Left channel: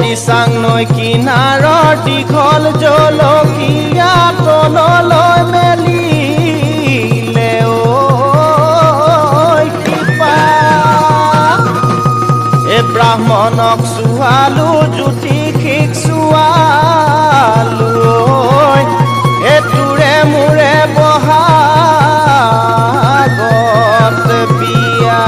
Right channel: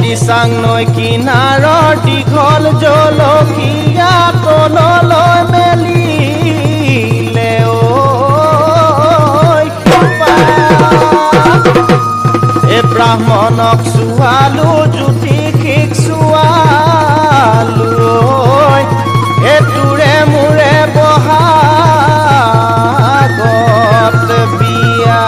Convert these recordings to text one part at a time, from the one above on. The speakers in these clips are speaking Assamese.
দিচাং নৈ কিনাৰৰ দীঘল জলকীয়া তললৈ মেলিলে ব্ৰাহ্মণক চুৱালো জ্যোতিষিক চুৱালো তোৰে মোৰে বহাগত বিয়া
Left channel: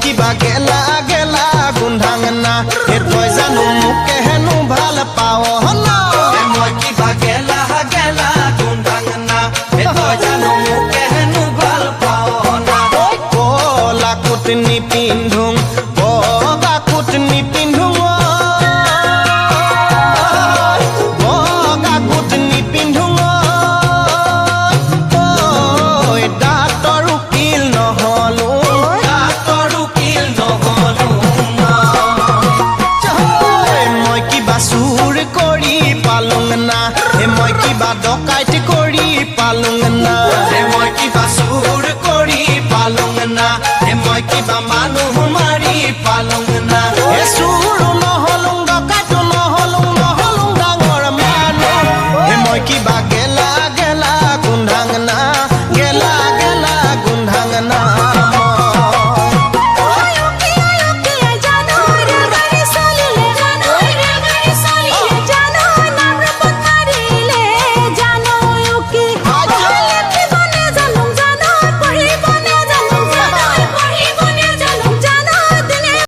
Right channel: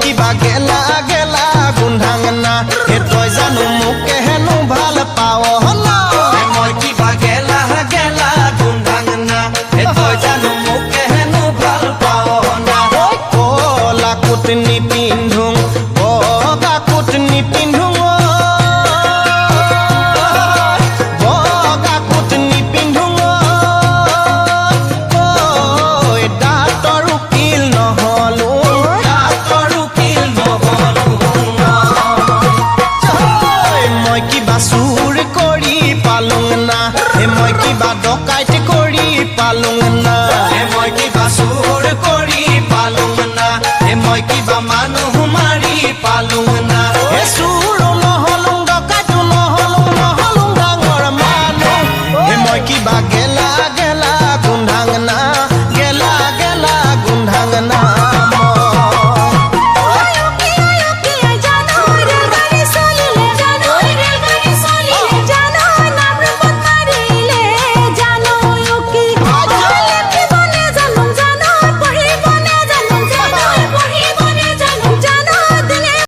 কিবা গেলা গেলা গোন্ধাঙনা তই জানো মোকে হেনো ভাল পাৱ মই কিবা গেলা গেলা গোন্ধাঙনা তই জানো মোকে হেনো ভাল পাৱ কলা কোট নিপিন্ধোং বগা কোট নিপিন্ধোং বগা কোট নিপিন্ধোং দাঁতৰ উকিল নহলো মই কিবা চুৰ কৰি পালুং না মই কিবা ডকাইত কৰি পালুং না মই কিবা চুৰ কৰি পালুং না মই কিবা মানুহ মাৰি পালুং না চুৰ নহলুং ডকাইত নহলুং নহলুং ডাঙৰ মানুহ মই কিবা গেলা গেলা গোন্ধাং না